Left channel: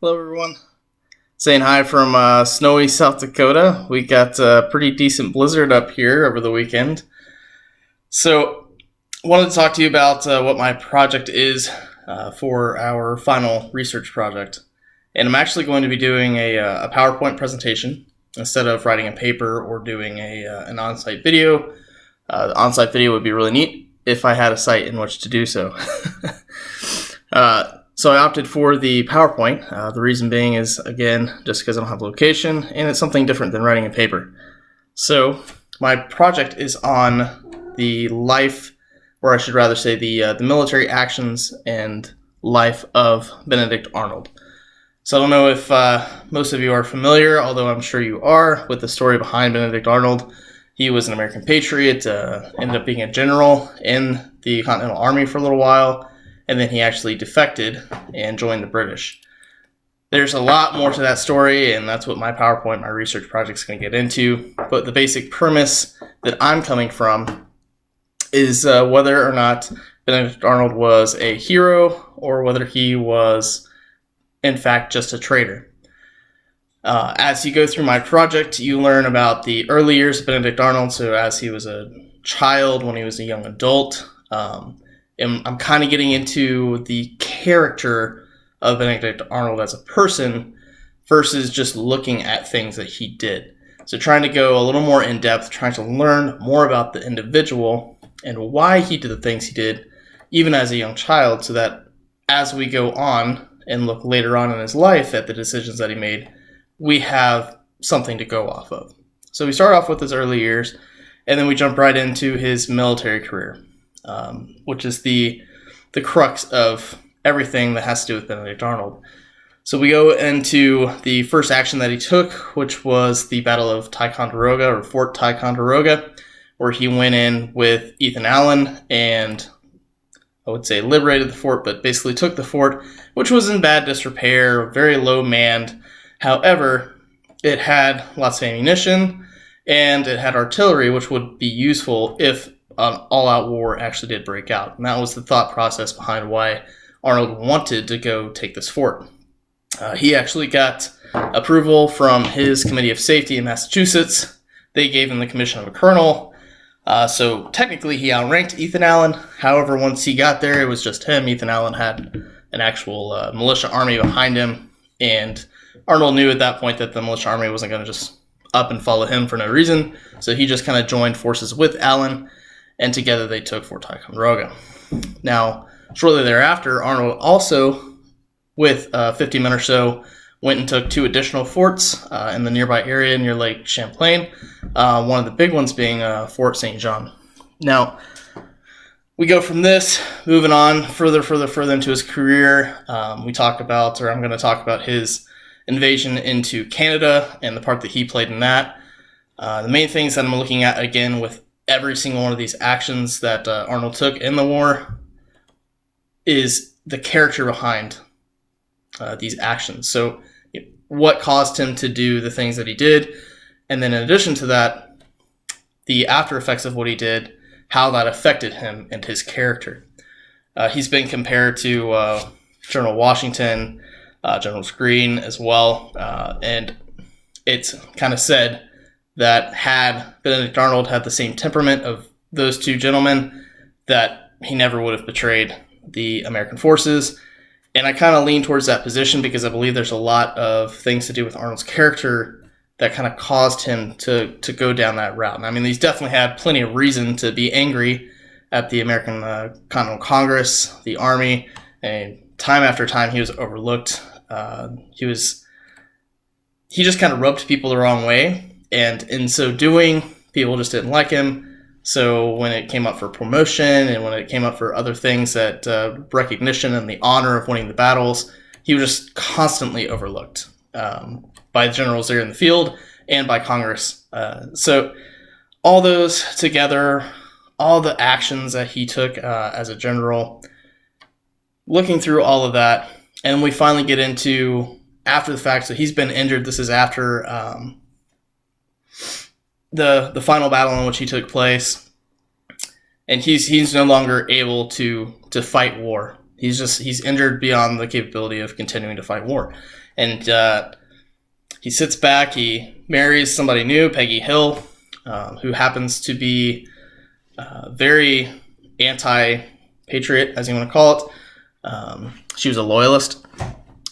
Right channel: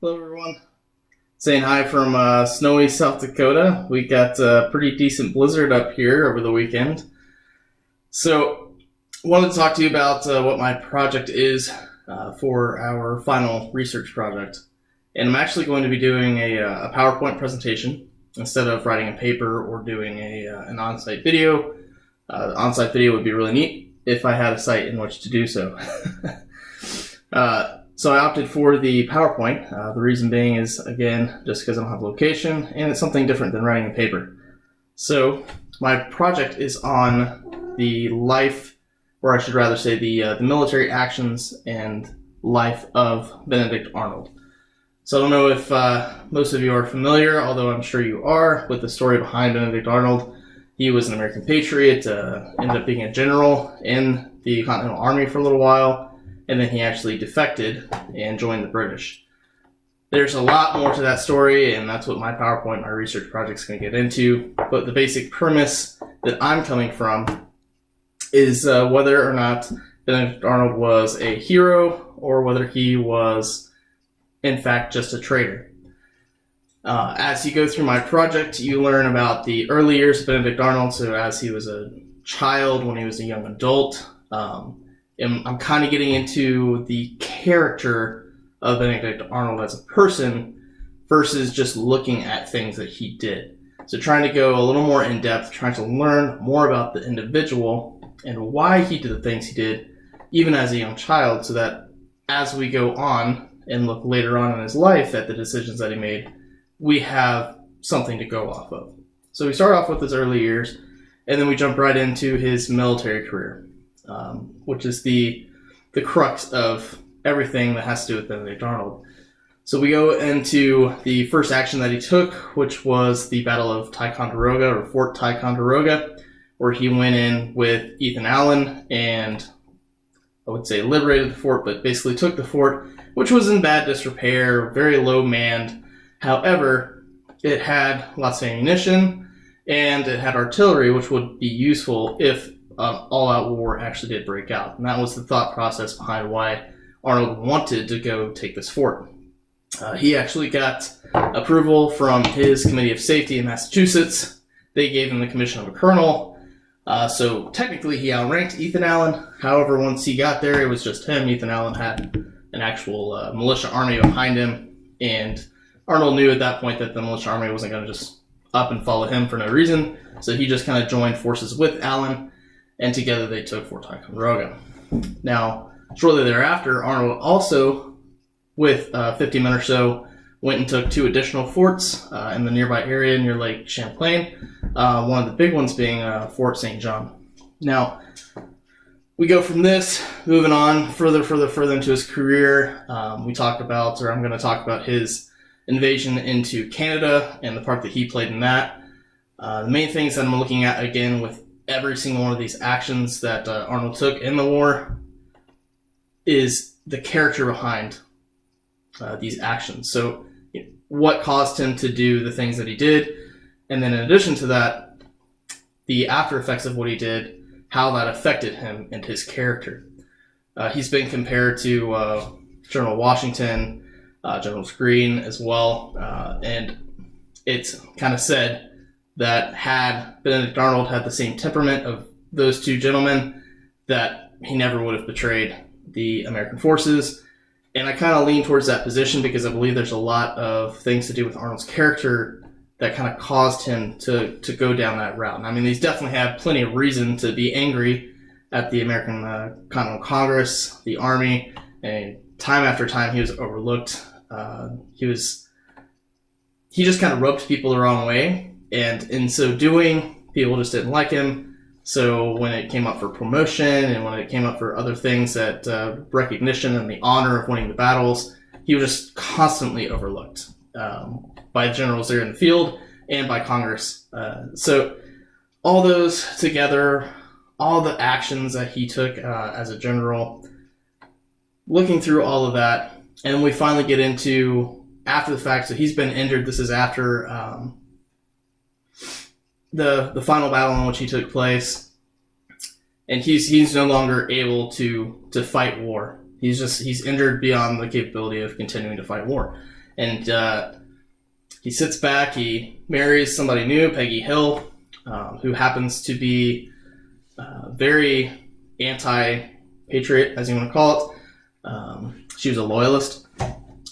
Hello, everyone. Saying hi from snowy South Dakota. We got a pretty decent blizzard up here over the weekend. So, wanted to talk to you about what my project is for our final research project. And I'm actually going to be doing a PowerPoint presentation instead of writing a paper or doing an on-site video. The on-site video would be really neat if I had a site in which to do so. So I opted for the PowerPoint. The reason being is, again, just because I don't have a location, and it's something different than writing a paper. So my project is on the life, or I should rather say the military actions and life of Benedict Arnold. So I don't know if most of you are familiar, although I'm sure you are, with the story behind Benedict Arnold. He was an American patriot, ended up being a general in the Continental Army for a little while, and then he actually defected and joined the British. There's a lot more to that story, and that's what my PowerPoint, my research project is going to get into. But the basic premise that I'm coming from is whether or not Benedict Arnold was a hero or whether he was, in fact, just a traitor. As you go through my project, you learn about the early years of Benedict Arnold, so as he was a child, when he was a young adult. And I'm kind of getting into the character of Benedict Arnold as a person versus just looking at things that he did. So trying to go a little more in depth, trying to learn more about the individual and why he did the things he did, even as a young child, so that as we go on and look later on in his life at the decisions that he made, we have something to go off of. So we start off with his early years, and then we jump right into his military career. Which is the crux of everything that has to do with Benedict Arnold. So we go into the first action that he took, which was the Battle of Ticonderoga, or Fort Ticonderoga, where he went in with Ethan Allen and, I would say, liberated the fort, but basically took the fort, which was in bad disrepair, very low manned. However, it had lots of ammunition, and it had artillery, which would be useful if all-out war actually did break out. And that was the thought process behind why Arnold wanted to go take this fort. He actually got approval from his Committee of Safety in Massachusetts. They gave him the commission of a colonel. So technically he outranked Ethan Allen. However, once he got there, it was just him. Ethan Allen had an actual militia army behind him. And Arnold knew at that point that the militia army wasn't going to just up and follow him for no reason. So he just kind of joined forces with Allen, and together they took Fort Ticonderoga. Now, shortly thereafter, Arnold also, with 50 men or so, went and took two additional forts in the nearby area near Lake Champlain, one of the big ones being Fort St. John. Now, we go from this, moving on further into his career. I'm going to talk about his invasion into Canada and the part that he played in that. The main things that I'm looking at, again, with every single one of these actions that Arnold took in the war, is the character behind these actions. So what caused him to do the things that he did, and then in addition to that, the after effects of what he did, how that affected him and his character. He's been compared to General Washington, General Greene as well, and it's kind of said that had Benedict Arnold had the same temperament of those two gentlemen, that he never would have betrayed the American forces. And I kind of lean towards that position because I believe there's a lot of things to do with Arnold's character that kind of caused him to go down that route. And I mean, he's definitely had plenty of reason to be angry at the American Continental Congress, the Army, and time after time he was overlooked. He just kind of rubbed people the wrong way. And in so doing, people just didn't like him. So when it came up for promotion and when it came up for other things, that recognition and the honor of winning the battles, he was just constantly overlooked by the generals there in the field and by Congress. So all those together, all the actions that he took as a general, looking through all of that, and we finally get into after the fact. So he's been injured. This is after the final battle in which he took place, and he's no longer able to fight war. He's injured beyond the capability of continuing to fight war. And he sits back, he marries somebody new, Peggy Hill, who happens to be very anti-patriot, as you want to call it. She was a loyalist,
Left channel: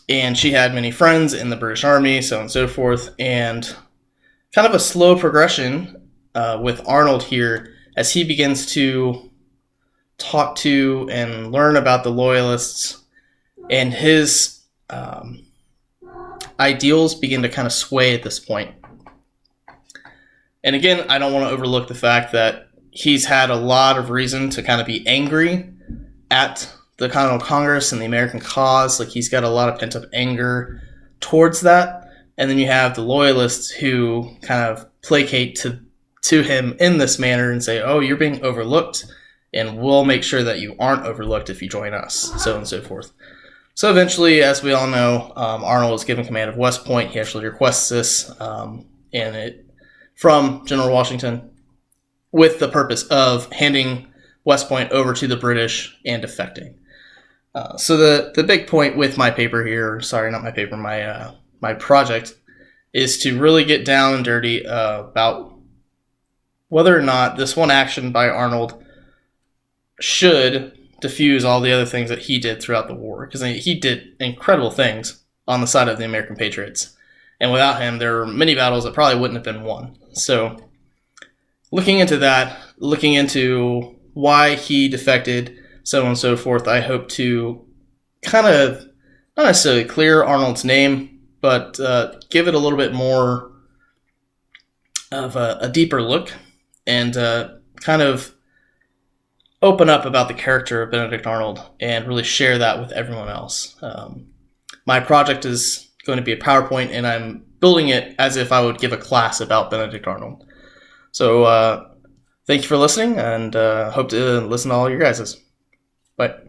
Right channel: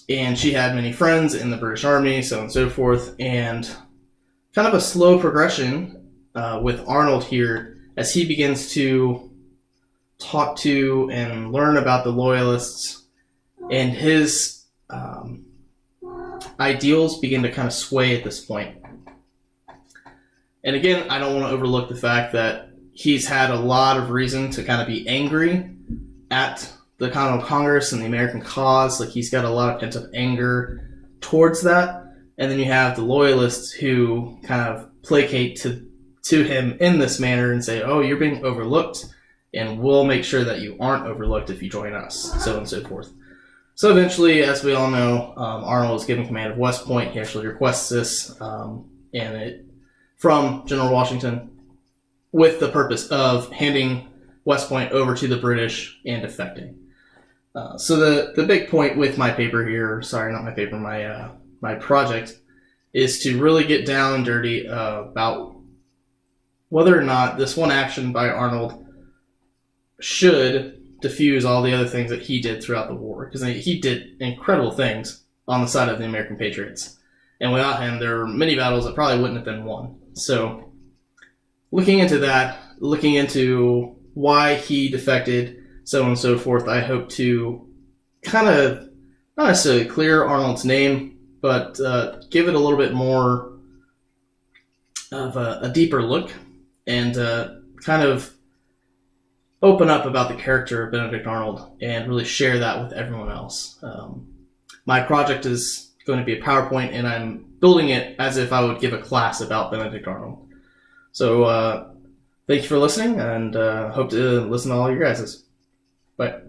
and she had many friends in the British Army, so on and so forth. And kind of a slow progression with Arnold here as he begins to talk to and learn about the loyalists, and his ideals begin to kind of sway at this point. And again, I don't want to overlook the fact that he's had a lot of reason to kind of be angry at the Continental Congress and the American cause. Like, he's got a lot of pent-up anger towards that. And then you have the loyalists who kind of placate to him in this manner and say, oh, you're being overlooked, and we'll make sure that you aren't overlooked if you join us, so on and so forth. So eventually, as we all know, Arnold is given command of West Point. He actually requests this from General Washington with the purpose of handing West Point over to the British and defecting. So the big point with my paper here, sorry, not my paper, my project, is to really get down and dirty about whether or not this one action by Arnold should diffuse all the other things that he did throughout the war, because he did incredible things on the side of the American patriots, and without him there were many battles that probably wouldn't have been won. So looking into that, looking into why he defected, so on and so forth, I hope to kind of not necessarily clear Arnold's name, but give it a little bit more of a deeper look, and kind of open up about the character of Benedict Arnold and really share that with everyone else. My project is going to be a PowerPoint, and I'm building it as if I would give a class about Benedict Arnold. So thank you for listening, and hope to listen to all your guys's. Bye.